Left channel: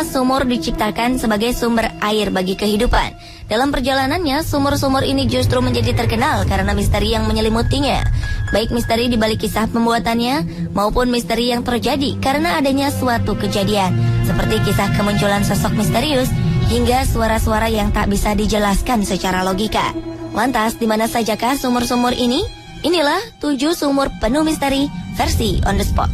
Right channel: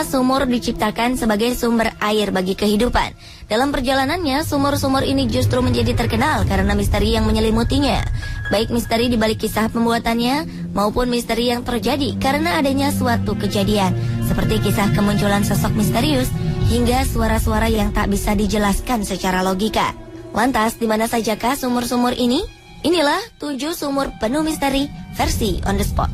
Sesungguhnya sumur diciptakan sebagai sumber air bagi kehidupan. Dalam perjalanannya, sumur-sumur ini justru menjadi terkenal karena misteri yang menyelimutinya. Baik misteri di balik kisah pembuatannya, maupun misteri yang terjadi karena adanya suatu kejadian. Seperti kisah kemunculan sosok misterius, hingga suara-suara yang tak bisa dijelaskan secara logika. Lantas, di mana sajakah sumur-sumur ini? Inilah 7 sumur penuh misteri versi On The Spot.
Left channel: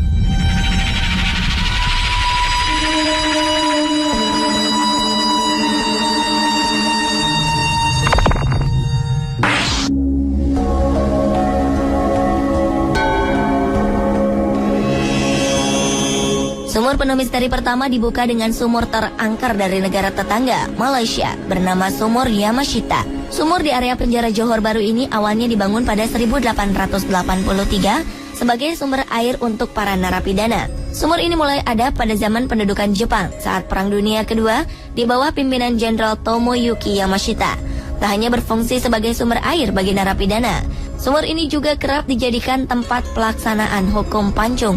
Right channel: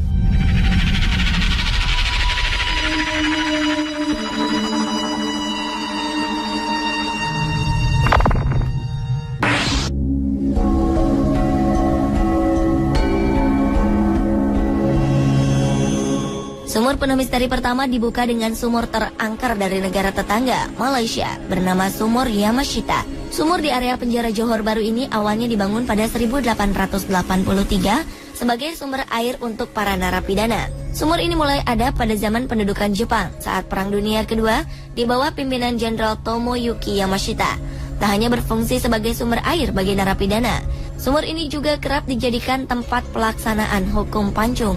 Sumur penuh misteri pertama dibuka dengan sumur terangker dari negara tetangga, Malaysia, bernama Sumur Yamashita. Sumur di area penjara Johor Bahru ini awalnya dibangun pada 1883 sebagai sumber air untuk para narapidana. Sumur ini mulai ada pada zaman pendudukan Jepang saat Perang Dunia Kedua di bawah pimpinan Jenderal Tomoyuki Yamashita. Tak hanya berfungsi sebagai sumber air bagi narapidana, sumur ini juga kerap dijadikan tempat pelaksanaan hukum pancung.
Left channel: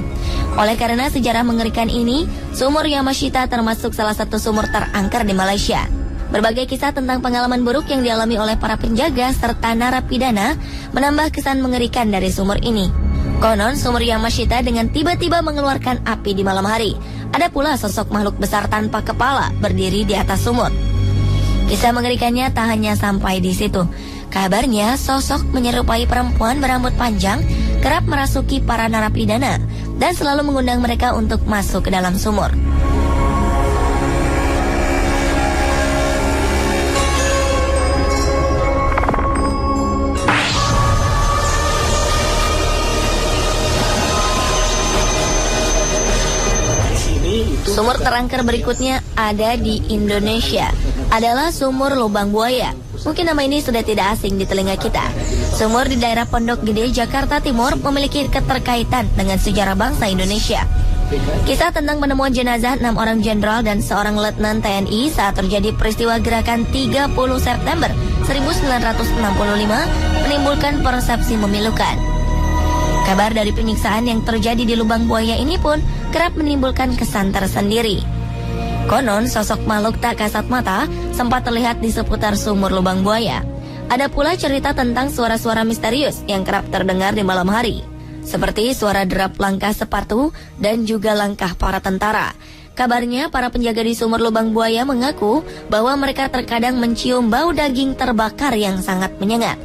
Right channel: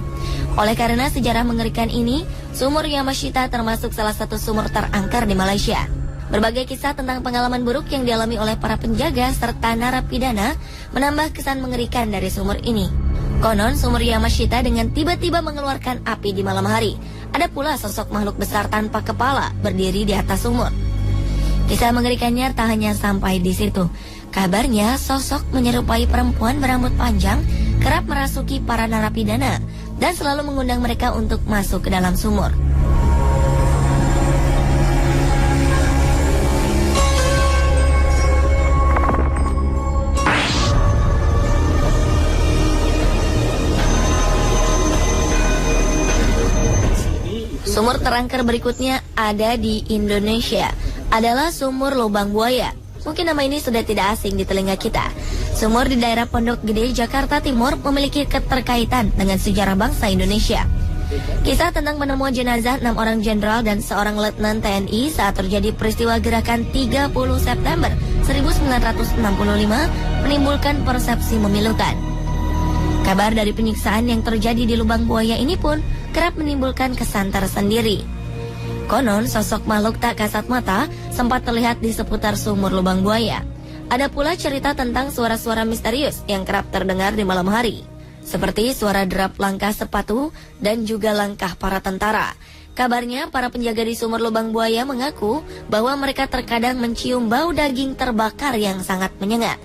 Oleh karena sejarah mengerikan ini, Sumur Yamashita termasuk salah satu sumur terangker di Malaysia. Berbagai kisah tentang pengalaman buruk yang dialami oleh para penjaga serta narapidana menambah kesan mengerikan dari sumur ini. Konon Sumur Yamashita dengan tiba-tiba mengeluarkan api di malam hari. Ada pula sosok makhluk besar tanpa kepala berdiri di atas sumur. Kisah mengerikannya tak hanya sampai di situ. Kabarnya sosok menyerupai perempuan berambut panjang kerap merasuki para narapidana dan selalu mengundang mereka untuk masuk ke dalam sumur. Sumur terangker berikutnya ada di Indonesia, adalah Sumur Lubang Buaya. Mungkin nama ini sudah tidak asing di telinga kita. Sumur di daerah Pondok Gede, Jakarta Timur memiliki keterkaitan dengan sejarah bangsa Indonesia. Kisah tentang penemuan jenazah 6 orang jenderal dan seorang letnan TNI saat terjadi peristiwa gerakan 30 September 1965 menimbulkan persepsi memilukan. Kabar dari penyiksaan yang terjadi di Lubang Buaya ini pun kerap menimbulkan kesan tersendiri. Konon sosok makhluk tak kasat mata sempat terlihat di seputar sumur Lubang Buaya. Ada pula cerita tentang suara-suara misterius yang kerap terdengar di malam hari, seperti suara derap langkah sepatu dan juga langkah para tentara. Kabarnya para penjaga di sumur Lubang Buaya mengaku bahwa mereka terkadang mencium bau daging terbakar yang sangat menyengat.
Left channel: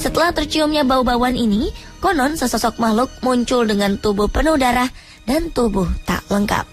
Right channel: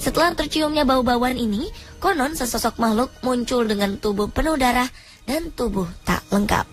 Setelah terciumnya bau-bauan ini, konon sesosok makhluk muncul dengan tubuh penuh darah dan tubuh tak lengkap.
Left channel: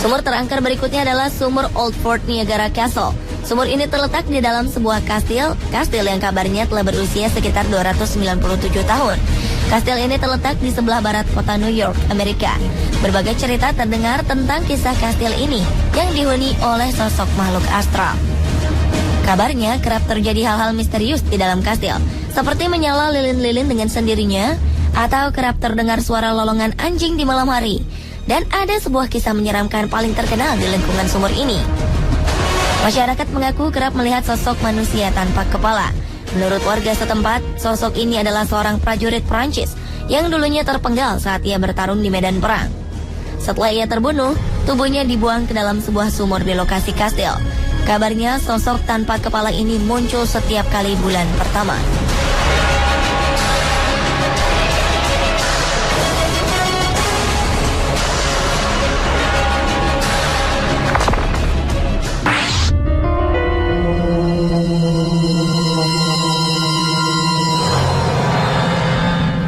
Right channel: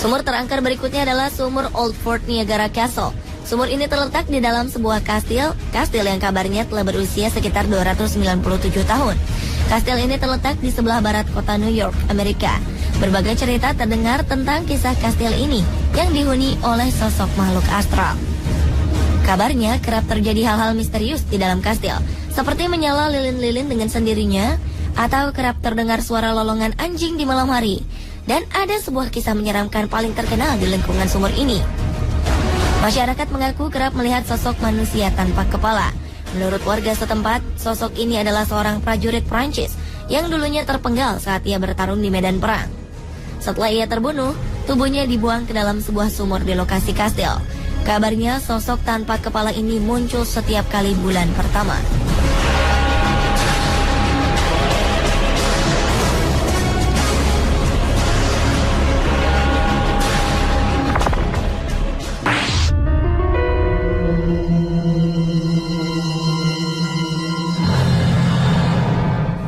Sumur terangker berikutnya adalah Sumur Old Fort Niagara Castle. Sumur ini terletak di dalam sebuah kastil yang kabarnya telah berusia sekitar 297 tahun. Kastil ini terletak di sebelah barat kota New York, Amerika. Berbagai cerita terdengar tentang kisah kastil ini yang dihuni oleh sosok makhluk astral. Kabarnya kerap terjadi hal-hal misterius di dalam kastil, seperti menyala lilin-lilin dengan sendirinya, atau kerap terdengar suara lolongan anjing di malam hari. Dan ada sebuah kisah menyeramkan paling terkenal di lingkungan sumur ini. Masyarakat mengaku kerap melihat sosok manusia tanpa kepala. Menurut warga setempat, sosok ini adalah seorang prajurit Prancis yang dulunya terpenggal saat ia bertarung di medan perang. Setelah ia terbunuh, tubuhnya dibuang ke dalam sebuah sumur di lokasi kastil. Kabarnya sosok tanpa kepala ini muncul setiap kali bulan pertama.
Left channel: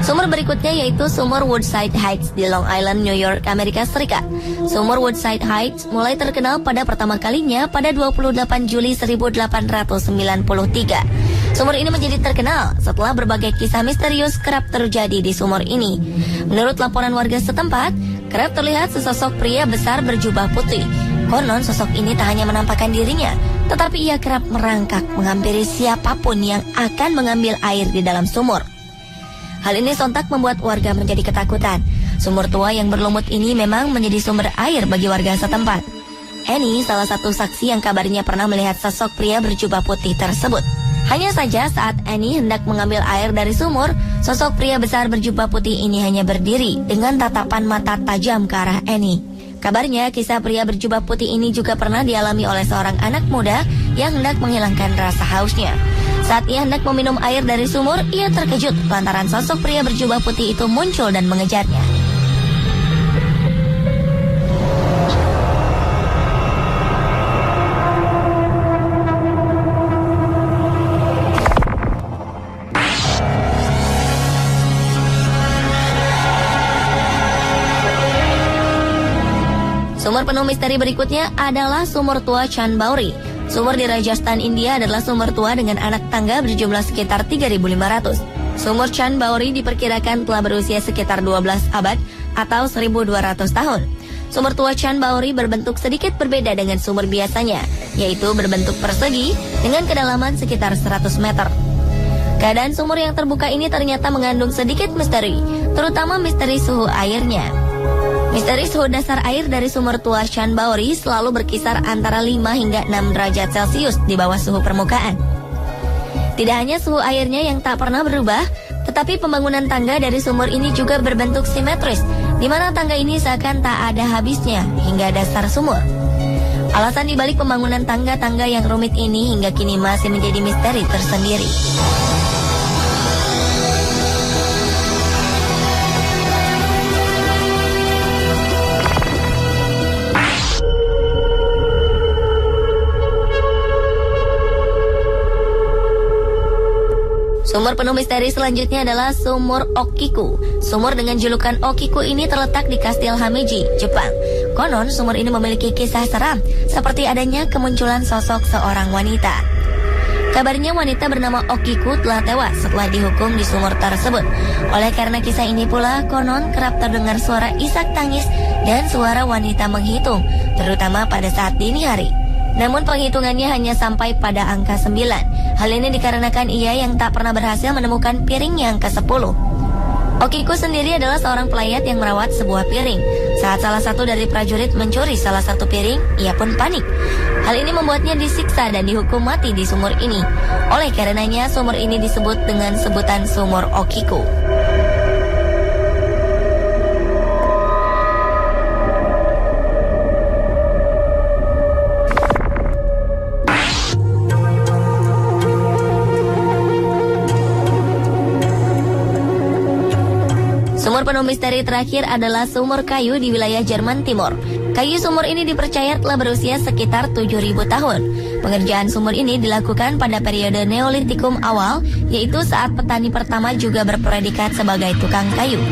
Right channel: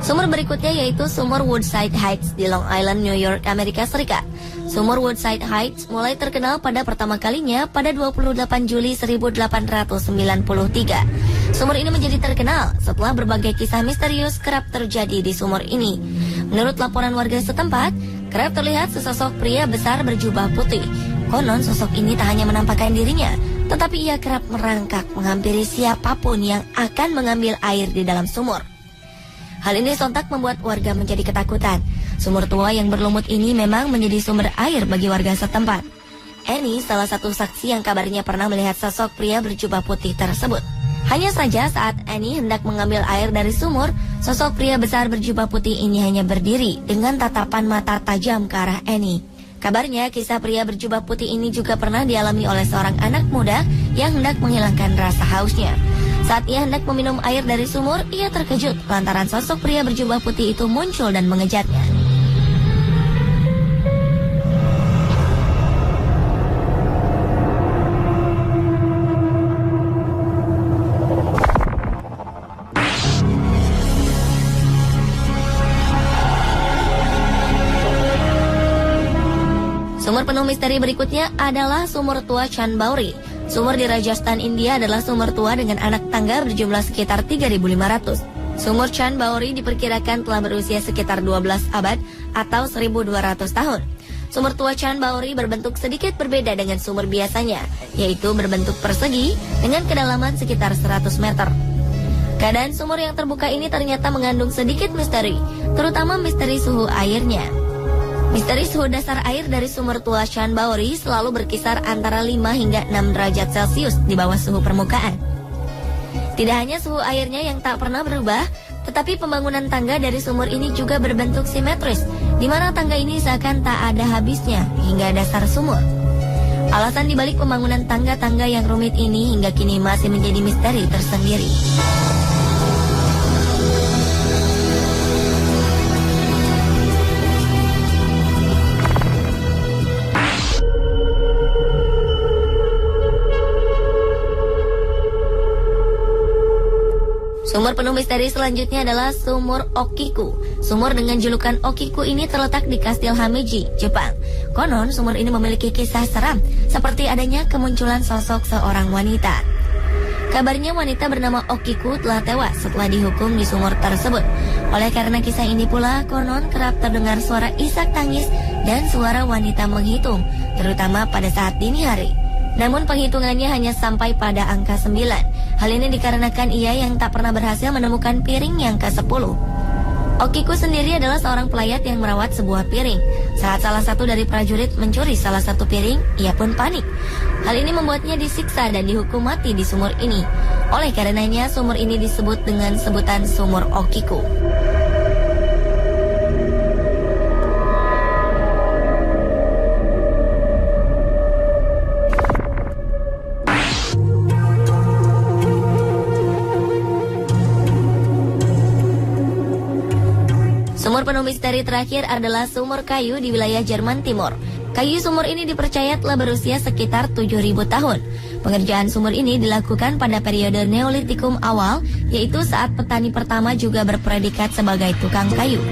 Sumur berikutnya yaitu Sumur Woodside Heights di Long Island, New York, Amerika Serikat. Sumur Woodside Heights mulai terkenal pada pertama kalinya pada 28 Juli 1893. Sumur ini menjadi terkenal setelah berbagai kisah misterius kerap terjadi di sumur ini. Menurut laporan warga setempat, kerap terlihat sesosok pria besar berjubah putih. Konon sosok ini tak hanya menampakkan dirinya, tetapi ia kerap merangkak menghampiri siapapun yang akan mengambil air di dalam sumur. Hal ini sontak membuat warga menjadi ketakutan. Sumur tua yang berlumut ini memang menjadi sumber air bagi warga setempat. Annie salah satu saksi yang kabarnya pernah melihat sosok pria berjubah putih tersebut. Hanya saja saat Annie hendak mengambil air dari sumur, sosok pria besar berjubah putih ini hanya berdiri dengan tatapan mata tajam ke arah Annie. Kabarnya kisah pria berjubah putih ini juga pernah dialami oleh seorang anak muda yang hendak menghilangkan rasa hausnya. Saat ia hendak meminum air dari sumur, ia terkejut lantaran sosok pria berjubah putih itu muncul dan mengejarnya. Sumur penuh misteri berikutnya adalah sumur tua Chan Bauri. Sumur di Rajasthan, India adalah sumur tua dengan anak tangga berjumlah sekitar 3.500. Sumur Chan Bauri diperkirakan telah berusia sekitar 12 abad atau 1.200 tahun. Sumur tua Chan Bauri berbentuk sedikit berbeda dengan sumur biasanya, yaitu berbentuk persegi dengan kedalaman sekitar 100 meter. Keadaan sumur yang terbuka ini ternyata mengandung sedikit misteri, terutama misteri suhu airnya. Misteri suhu dasar air dari sumur tua Chan Bauri selalu berkisar antara 5 hingga 6 derajat Celcius di bawah suhu permukaan. Tidak hanya suhu airnya yang tak pernah berubah, tetapi pembangunan tangga dari sumur ini juga berbentuk simetris, di mana tangga ini seakan tak ada habisnya hingga dasar sumur. Alasan dibalik pembangunan tangga-tangga yang rumit ini hingga kini masih menjadi misteri tersendiri. Sumur penuh misteri selanjutnya adalah Sumur Okiku. Sumur dengan julukan Okiku ini terletak di Kastil Hameji, Jepang. Konon sumur ini memiliki kisah seram, seperti adanya kemunculan sosok seorang wanita. Kabarnya wanita bernama Okiku telah tewas setelah dihukum di sumur tersebut. Oleh karena kisah ini pula, konon kerap terdengar suara isak tangis dan suara wanita menghitung, terutama pada saat dini hari. Namun penghitungannya hanya sampai pada angka 9. Hal ini dikarenakan ia yang tak pernah berhasil menemukan piring yang ke-10. Okiku sendiri adalah seorang pelayat yang merawat sebuah piring. Saat salah satu dari prajurit mencuri salah satu piring, ia pun panik. Hal ini membuatnya disiksa dan dihukum mati di sumur ini. Oleh karenanya sumur ini disebut dengan sebutan Sumur Okiku. Sumur penuh misteri terakhir adalah sumur kayu di wilayah Jerman Timur. Kayu sumur ini dipercaya telah berusia sekitar 7.000 tahun. Pengerjaan sumur ini dilakukan pada periode Neolitikum awal, yaitu saat petani pertama juga berpredikat sebagai tukang kayu.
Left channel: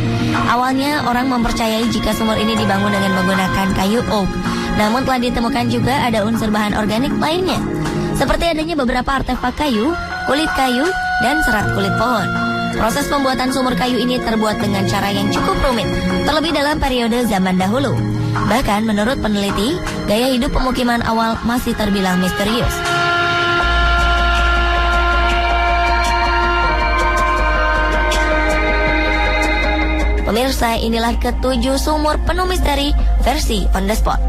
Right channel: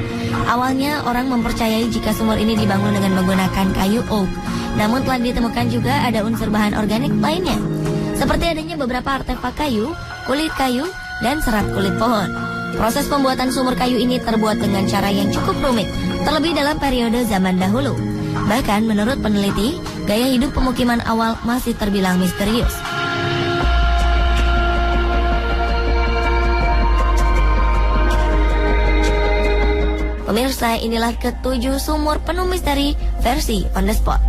Awalnya orang mempercayai jika sumur ini dibangun dengan menggunakan kayu oak. Namun telah ditemukan juga ada unsur bahan organik lainnya, seperti adanya beberapa artefak kayu, kulit kayu, dan serat kulit pohon. Proses pembuatan sumur kayu ini terbuat dengan cara yang cukup rumit, terlebih dalam periode zaman dahulu. Bahkan menurut peneliti, gaya hidup pemukiman awal masih terbilang misterius. Pemirsa, inilah ke-7 sumur penuh misteri versi On The Spot.